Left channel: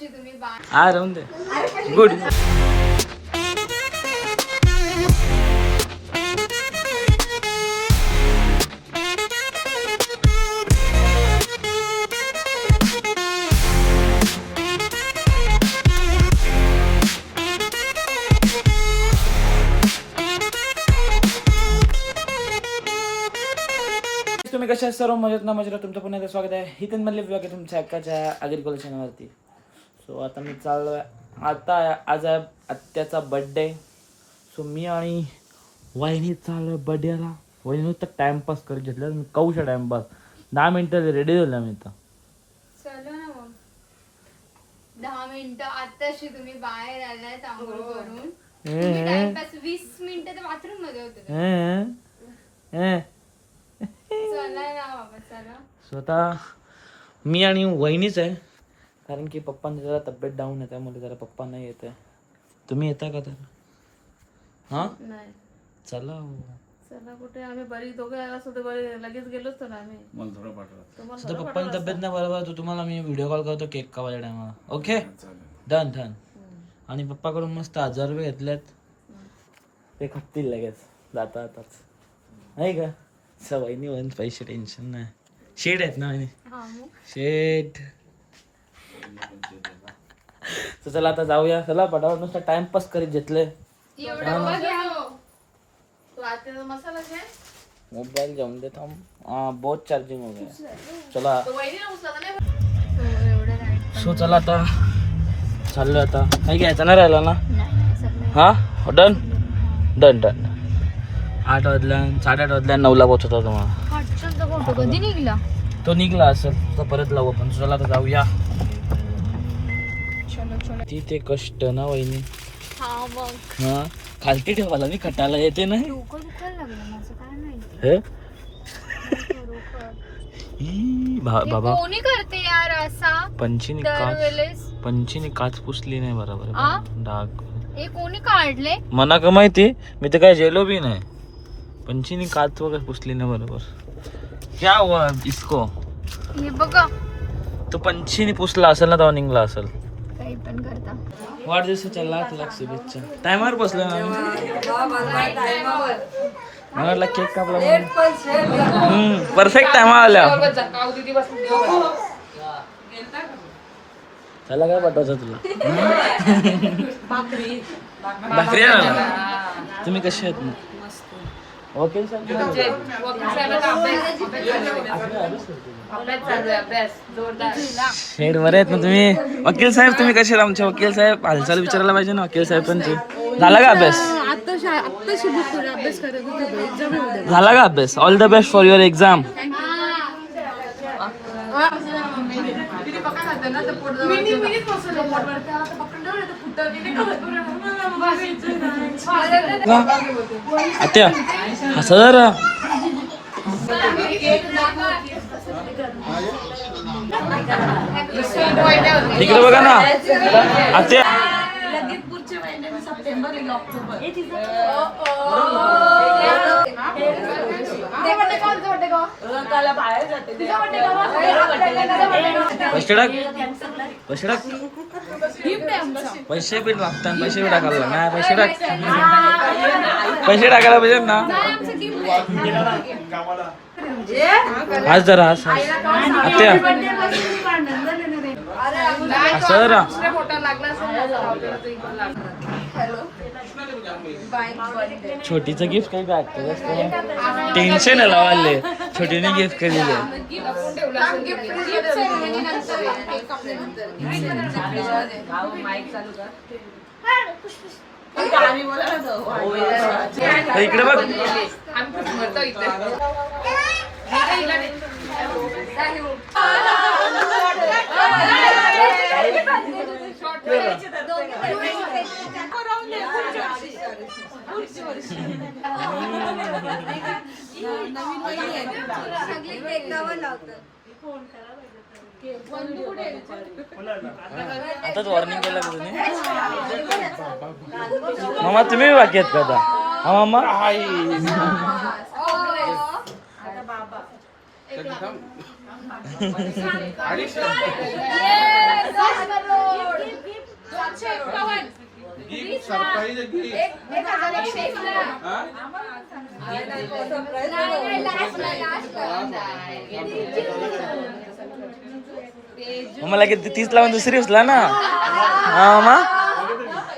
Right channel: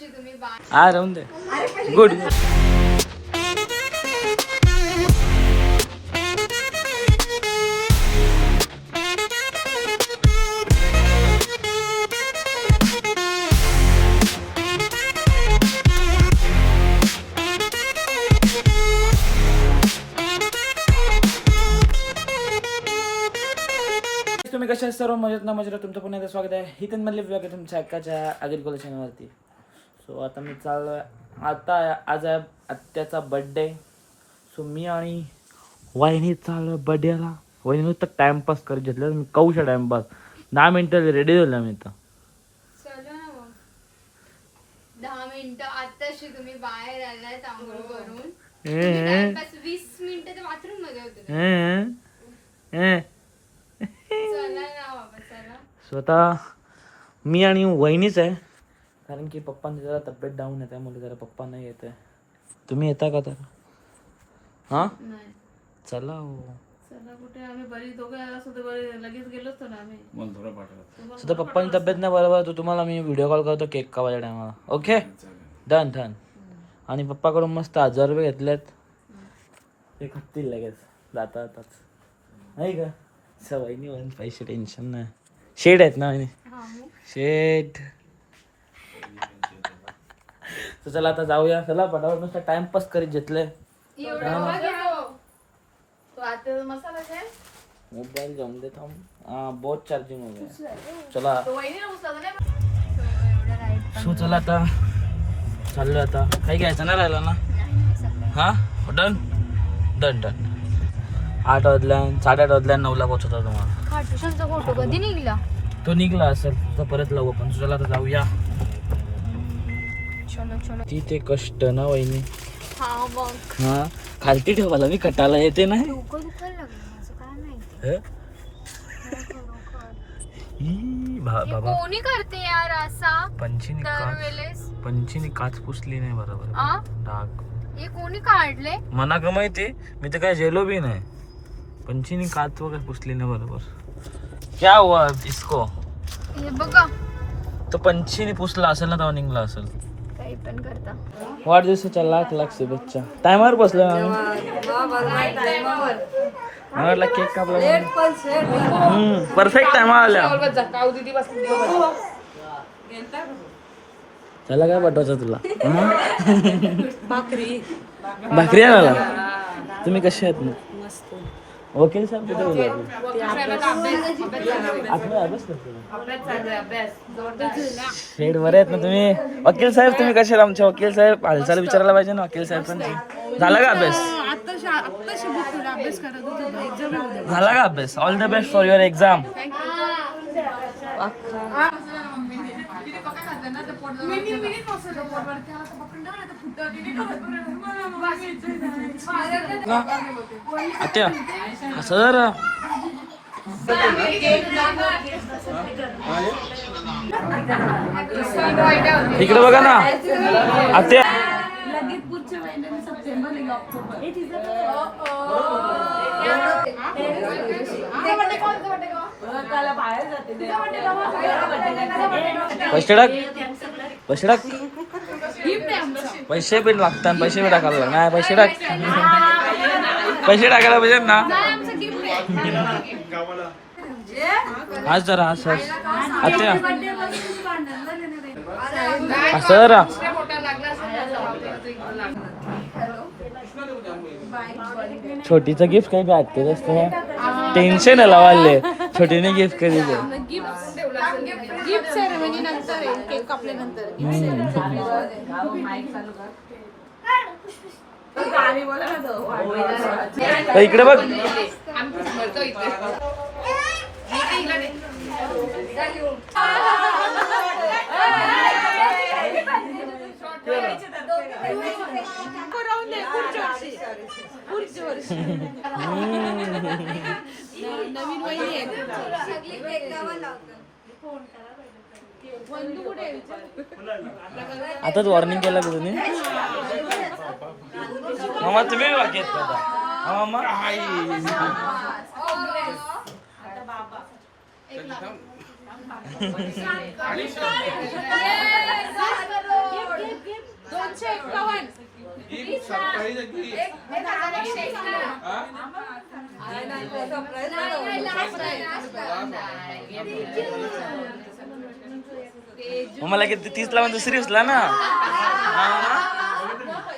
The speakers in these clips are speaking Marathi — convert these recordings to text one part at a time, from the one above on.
आत्ताशी तुम्ही हा राहून दे. गुड. तुम्ही कशा आहात सर्व मजेत ना मजेत तुमचं पुन्हा एकदा स्वागत आहे हितन मधले विभाग आहे तुमच्या हक्काच्या ॲग्रिकल्चर चॅनलवरती. सो आता मी चाललो आहे आता आज आहे आत्याचा बड्डे. सो मी आणि वहिनी चाललो बड्डेला. वहिनी नुसतं टाइमपास करत घेतलं मी कौशा टाइमपास 10 मिनिटं रेडी झालं मी तर. चलो ना मग 10 मिनिटं आत्ताशी तुम्ही बाहेर आलाय आंघोळ करून. 20 मिनिटं तर बाथरूम मध्ये होते. स्वतः मी आणि वहिनीच आहे कारण की पप्पांची जरा तब्येत डाऊन आहे त्यामुळे जरा पप्पा नाही येत आहे. तुम्ही येता का तर? हा नाही चला हो. चला कुठे आम्ही बरी दोघे असतो तर बरी लगेच गेलोच तर ना आम्ही. सुद्धा पप्पांची तब्येत नाही बरोबर तर तुम्हाला मी व्हिडिओ कॉल करतो केक कापायच्या टायमाला. Okay done done. आणि पप्पाकडून मस्त 1000 रुपये घेतलेत ते खपतील लगेच जाता जाताच नाही का. वहिनी वहिनी पैसे टेन्शन नाही. शेड आहेत ना वहिनी शेड. तर चला आता जाऊया. चला पटापट नुसतं टाइमपास करीत घेतले. मोबाईल जम देता हाँ बहुत चार्जिंग हो गया. चला सो चला आता चाललो आता. काही घ्यायचं ना राहिला ना. हा डन डन डन. 8 वाजल्या 8:30 वाजल्या 9ला पोहोचतो तुम्हाला. तो निघला असेल तर परत लावू आपण. चला आता जाऊया. तिथे कष्ट ना वहिनी. हा खालती ठेवायला मी कटाला येते नाही. बाबा कोणी करते यार असा. पंचीने काच पुसली नाही बरोबर डाग. हे कोणी काढले मना का माहिती मी तर काय जेलो बी नाही. पंचीने काच वगैरे पुसली नाही बरोबर. क्या हुआ इसको. हे बघा तो पंचीने पुसला असेल ना तेव्हा निघला असेल. काही पण करता. वाढदिवसाच्या लाख लाख शुभेच्छा. टायमावर बसलो ना मला केक कापला. परफेक्ट टाइम आल्या. त्याला काय पाठवायची तुला भाकरी आणायला. तुम्ही कसे आहेत मग. वकील शेड बरे आहेत ना तुम्ही. वकील साहेब तुम्ही कसे आहेत. आमचे वकील साहेब हालचाल विचारायला पाहिजे ना वकील साहेबांची. झाला का अभ्यास. झाला का अभ्यास. All the best for your exam. आत्या हसा जरा. इकडे बघा ना आत्या. पैसे टाक पैसे टाक. पैसे पण लागतात. पैसे बी टाकायला लागणार. नाही पैसे टाक. पैसे टाकायला पाहिजे ना. आज जरा आज आत्या असं जरा. छोटीचं गिफ्ट काही भेटते टेन्शन आहे लावाले. छोटीने गिफ्ट केली ते. इकडे बघ. आता वॉर्निंग केलं तुम्ही. मामा तुम्ही बाकी आहेत का आता. मामा हाय मला किती 30 लावून दुसरी उचला ना. हा मग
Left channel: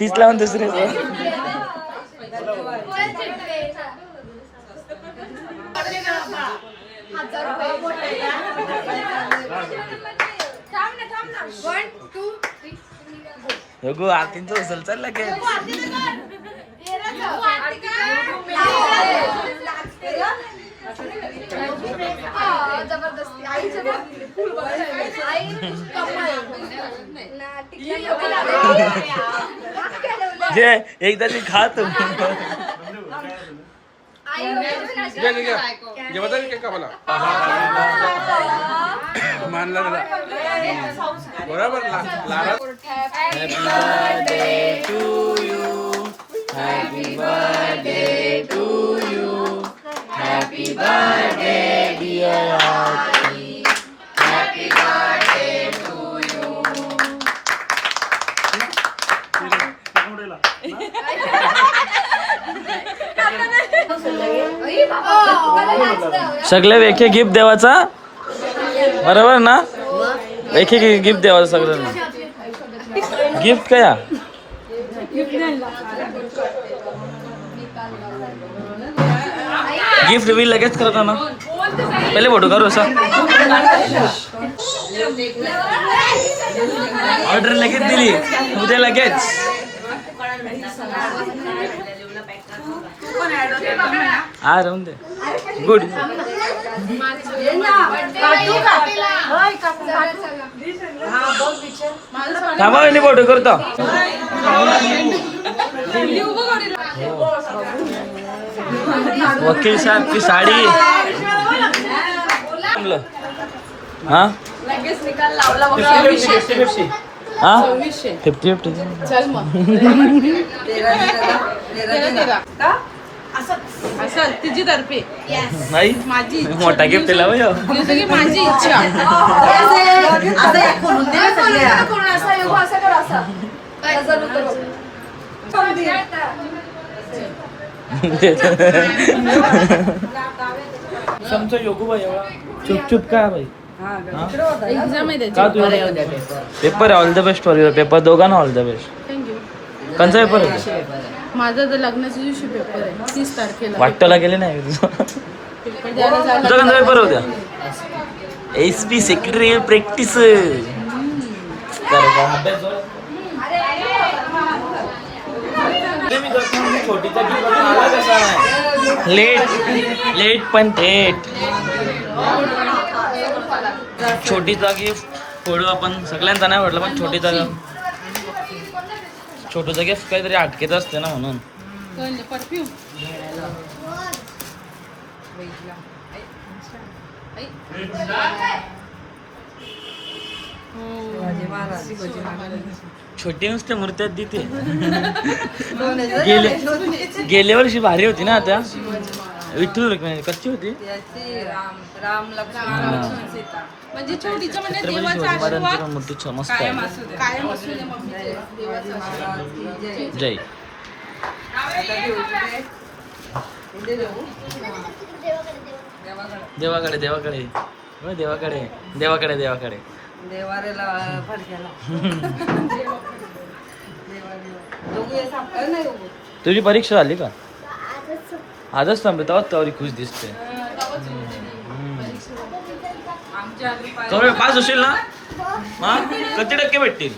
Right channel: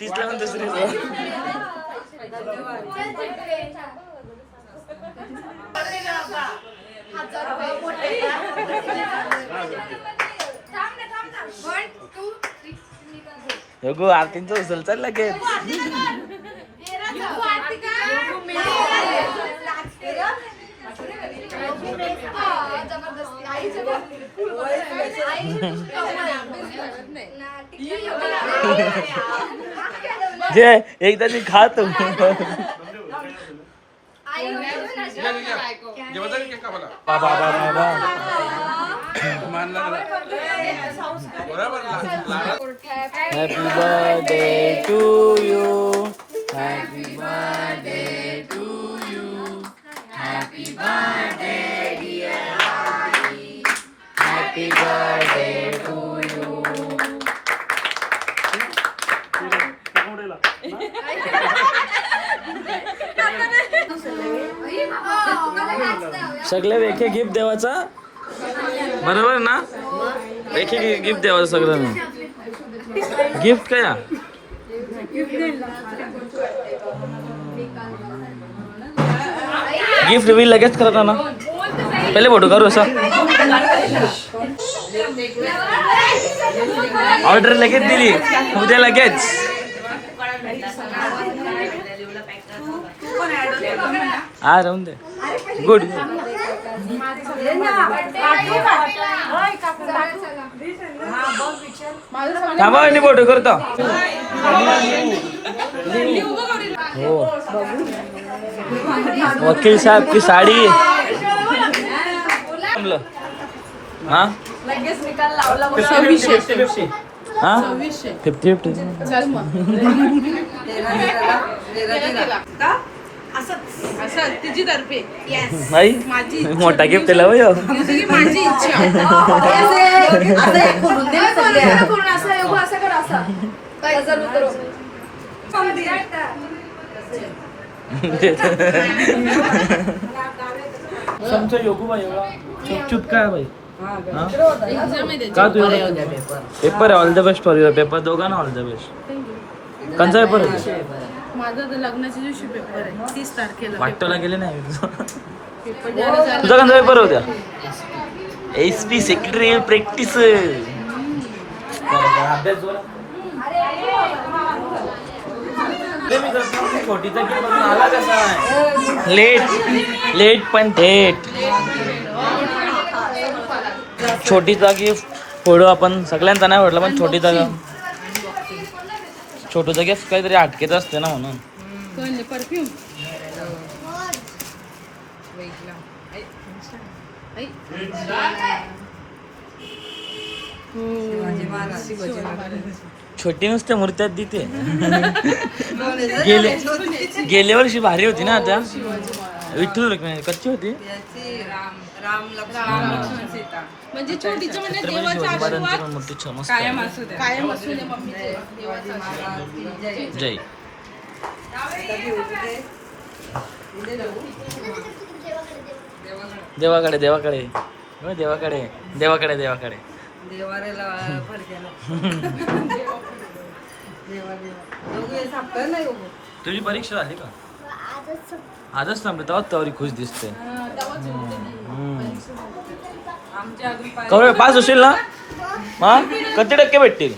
30 लावून दुसरी उचला. गो आरतींचं उचल चाल लगेच. जे एकदा ती खा तू. Happy birthday to you. Happy birthday to you. Happy birthday dear Aarti. Happy birthday to you. सगळे वेखे गिफ्ट देवाचा बरोबर ना. वेखे गिफ्ट देवाचा सगळ्यांना. गिफ्ट काय गिफ्ट रिव्हील लगेच करता ना. पहिले फोटो करू असा. ऑर्डर लगेच दिली उद्या लगेच. हा राहून दे. गुड. थांबा मी फोटो करतो. हो वकील साहब की साडी. हाँ 50-50 हाँ 50-50 चल मग तिची तर्फे भाई मोठा गिफ्ट दिला हो. माझी इच्छा समजा योगू भाई एवढा चुप काय भाई. का तू पेपर आहे. All the best for your paper. दोघांना ऑल द बेस्ट. कंचा पेपर आहे. माझा तर लग्नाच्या दिवशी पेपर आहे 30 तारखेला. वाटतला गेले नाही तुझा. पेपर द्यायला तुझा कंचा पेपर होत्या. SP secretary practice. अभ्यास छोटीचा गिफ्ट आला कसा. लेट पण थेट. छोटीचा गिफ्ट पुढं आपण सगळ्यांचा नाही वाटलं पण छोटीचा गिफ्ट काहीतरी अटकेच असते ना म्हणून. परफ्यूम छोटी नुसते मूर्त्यात देते. गेल्या वर्षी भारी होती ना. त्या विठ्ठल रुक्मिणी कच्ची होती. म्हणजे छोटीचं म्हणजे छत्रपती शिवाजी महाराजांची पण मूर्ती मस्त आहे. कायम असू दे मम्मी. जय. देवाकडे देवाकडे देवाकडे देवाकडे देवाकडे. तुझी परीक्षा झाली का. आजच थांबले तेव्हा तवरी खुश दिसते. कवळ पास असेल ना. हा किती टक्के भेटतील.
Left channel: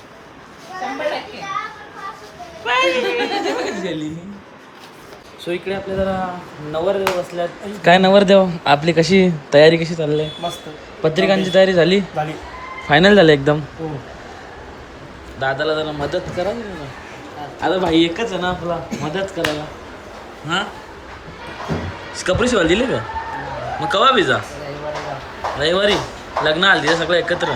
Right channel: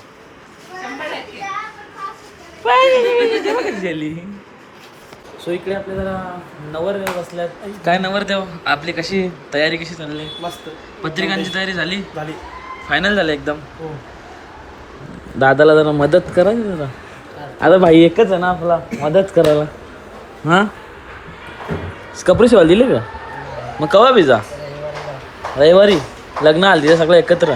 सो इकडे आपल्या जरा नवरदेव बसल्यात. काय नवरदेव आपली कशी तयारी कशी चालली. मस्त. पत्रिकांची तयारी झाली. फायनल झालं एकदम. दादाला जरा मदत करा. आता भाई एकच आहे ना आपला मदत करायला. हा कपडे शिवायला दिले का मग कवा बिजा. रविवारी लग्न आलं तिथे सगळं एकत्र.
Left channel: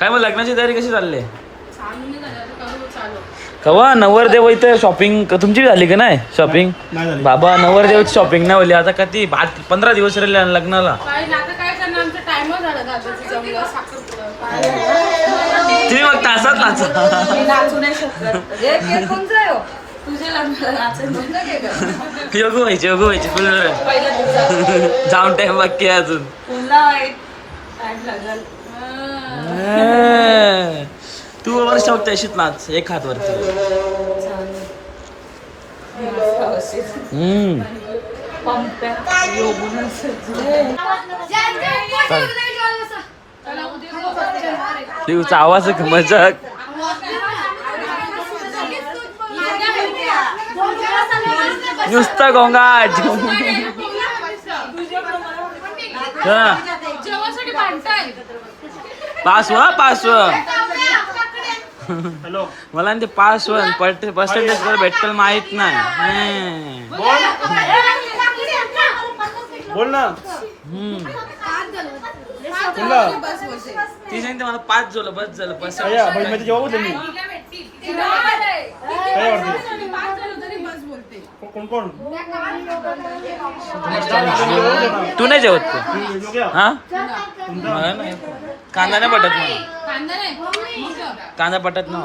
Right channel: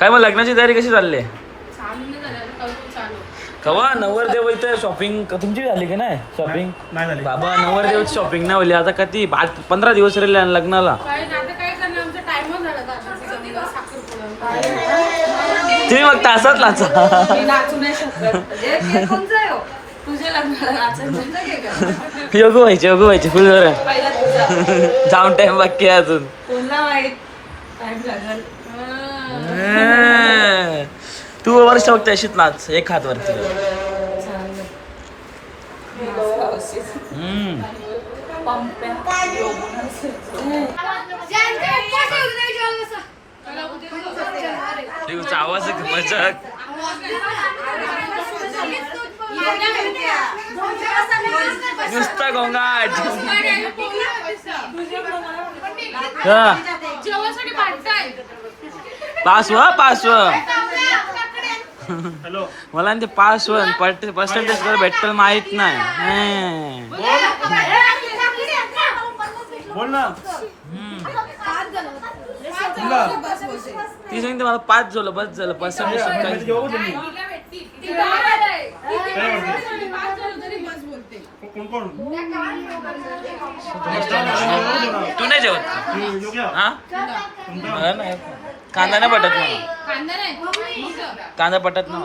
काय मग लग्नाची तयारी कशी चालली. कवा नवरदेव इथं शॉपिंग तुमची झाली का नाही शॉपिंग. बाबा नवरदेवची शॉपिंग नाही होली. आता किती 15 दिवस राहिले लग्नाला. तुम्ही मग तासात नाचा. मी नाचू नाही शकत. तुझे लग्न नाचत नाही. योगू व्हायचे फुल पहिला तुझा. जाऊन टाइम बाकी आहे अजून. पुन्हा वाईट टाइम लागल. तू वर्ष बघते अशीच नाच एक हात वरती. तुझा आवाज मजा. नुसता गोंगाट. पासव मला ते पासवन पर्सेंटेज तर भेटल माहित नाही. बोल ना. ती सांगते मला 5 झालं बस झालं पर्सेंटेज. तू नाही जेवत का? हा मला नाही. कांदा नाही पटत मला. कांदा पटत ना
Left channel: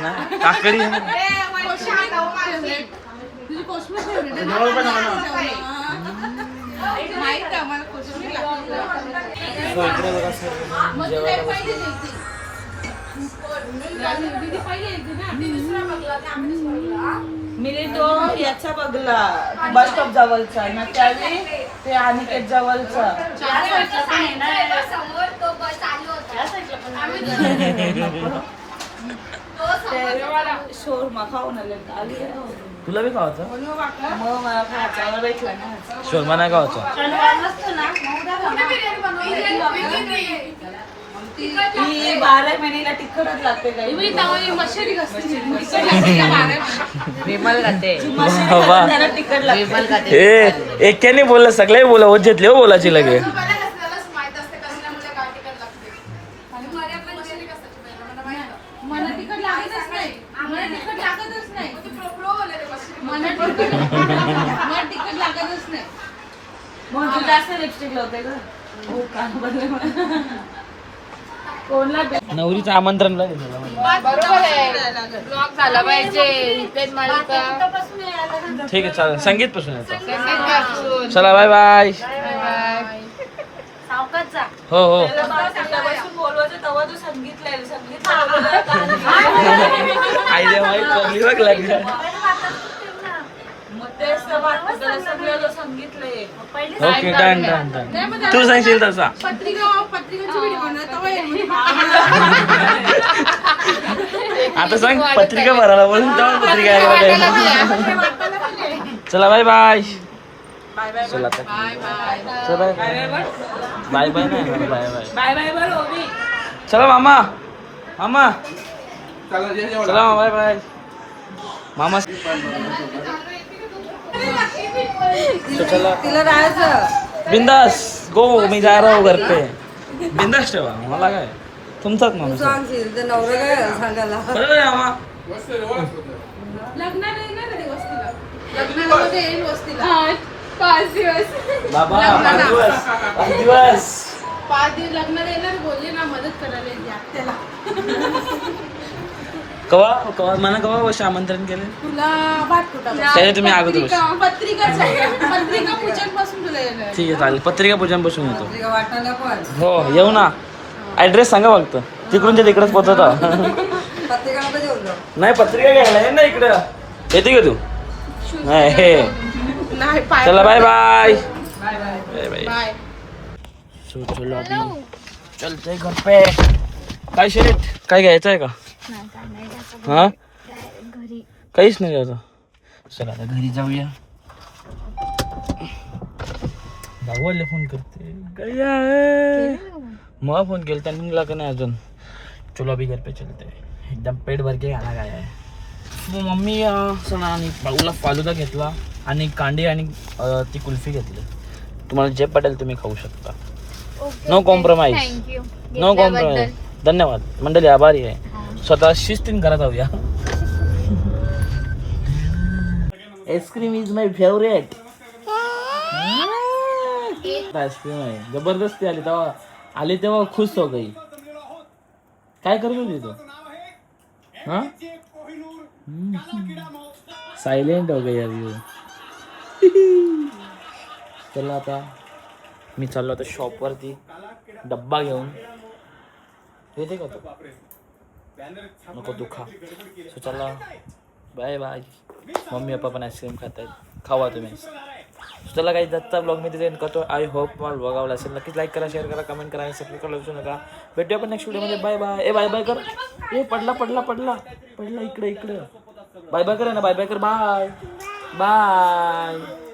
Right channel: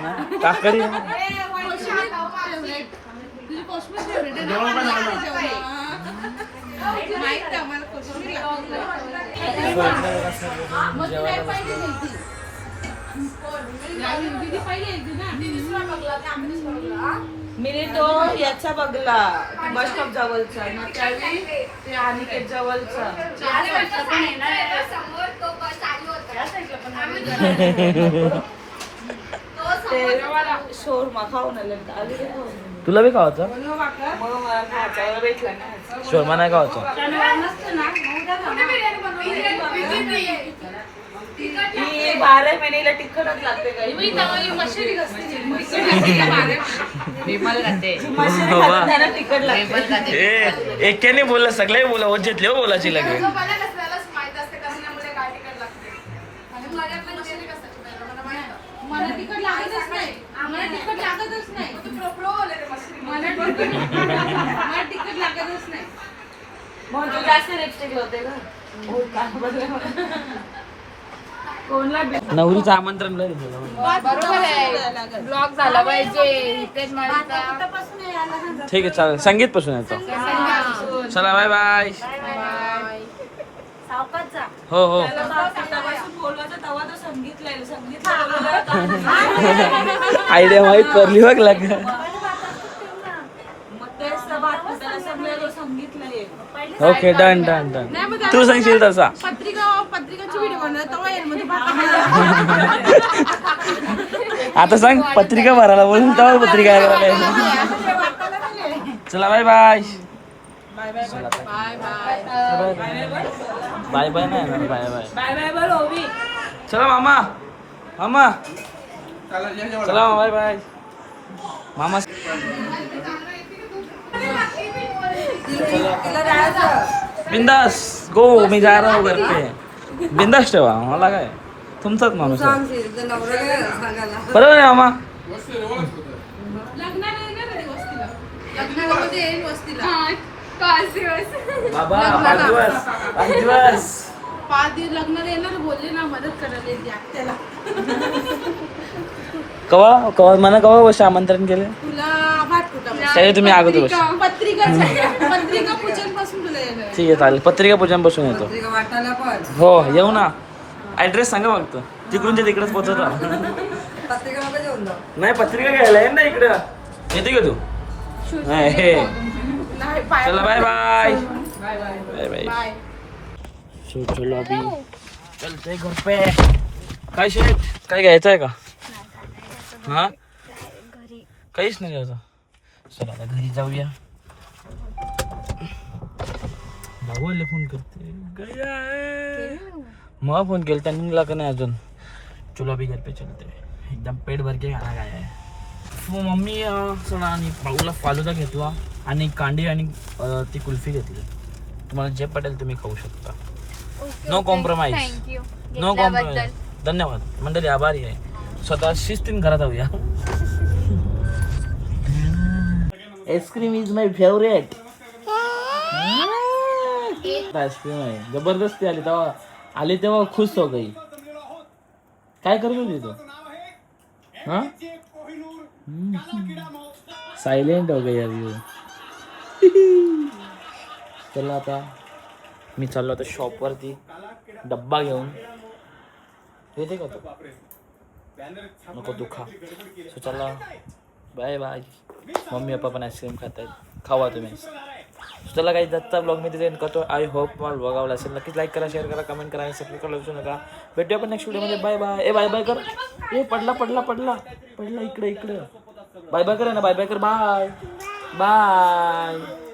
नाही. काकडी इकडे बघा सर जेवायला बसलो. मी तो याचा बघला बस स्टॉप जवळचा ना त्यावेळी ते अनिकेत जवळचा. शोरमा खाऊन आले. तुला बी खावायचं? मग मला खायचा भेटला नाही. शोरमा नाही खावायचं. ही 12 महिन्याला तिखटच लागते काही. तिखट लागते. एकाने बोललं सगळे बोला होत घेतले हो बोलायची लगे. मला तिखट लागतच नाही. मला तिखट लागतच नाही. मला तिखट लागतच नाही. मग तू जास्त लिपस्टिक लावते का? हो कोणला नवरीचं आमंत्रण लागेल. बरोबर आहे. ब्लॉग झाला पाहिजे. इथेच माळीचा. ठीक आहे चालेल. संगीत पासून येतो. चला बाय बाय. हो हो. आयडिया माहित करली बघ लग्न. Okay done done done. तू सांगशील तसा. आता सांग पत्रिका भरायला बोलून तेव्हा पत्रिका करायला. चला बाय बाय. चला बाय बाय नाही येणार. Bye bye. चला मामा मामा. चला बाय बाय मामा. चला बिंदास गो. मी जा रहा हूँ घर पे. बिंदास ठेवा. मला काय तुमचाच माणूस आहे. बरोबर आहे मामा. बाबा 5 दिवस 5 दिवस लग्न येणार बोलले ना मदत करायला त्याला. कवा कवा म्हणा कवा वर्ष आमंत्रण केले तुला भात कुठं काय तुम्ही अगोदर वर्ष. पत्रिका पूजन पासून तुला येणार. ठीक आहे चालेल. पत्रिका पूजन पासून येतो. हो येऊ ना. ऍड्रेस सांगा फक्त. तिकडून ते तिकडेच पोहोचवतो. नाही पत्रिका घ्यायला आहे ना इकडं. येते का तू? नाही हे. चला bye bye. Bye bye. So चलो अभी चलते घर पे. काय शेट काय घ्यायचं आहे का? हा काहीच नाही घ्यायचं. चला आता घरी जाऊया. भाऊला फोन करते. मग फोन केला त्यांनी निघला का नाही अजून. चलो अभी घर पे चलते. एकदम पेट भर के खाना खाया है. मम्मी सणा आणि भाऊला फालुदा घेतला आणि कांडी आणि ती कुल्फी घेतली. तुम्हाला जे पटेल तुम्ही खाऊ शकता. No compromise. No compromise. धन्यवाद मंडळी. आभारी आहे. स्वतः शिस्तीन घरात जाऊया. Ice cream is my favourite. Ice cream आहे जबरदस्ती आली तेव्हा तेव्हा खुश हो गई. काय करत होती तू हा सायलेंट हो गई अभी. चला आता मी चाललो आता शॉपवरती डब्बा घेऊन येते का तू नको दुखा. सो चला बाय बाय. मम्मी पप्पा पण आईस्क्रीम खात आहेत खावा तुम्ही. चला काही दत्ता ब्लॉग मी तिथे करतो. आय होप मला ब्लॉग आवडला असेल नक्कीच लाईक करा शेअर करा कमेंट करा आणि सबस्क्राईब करायला विसरू नका. भेटूया पण नेक्स्ट व्हिडिओमध्ये. Bye bye. ए बाय बाय कर. ए पडला पडला पडला पडला इकडे इकडे. बाय बाय कर ना बाय बाय कर. Bye bye.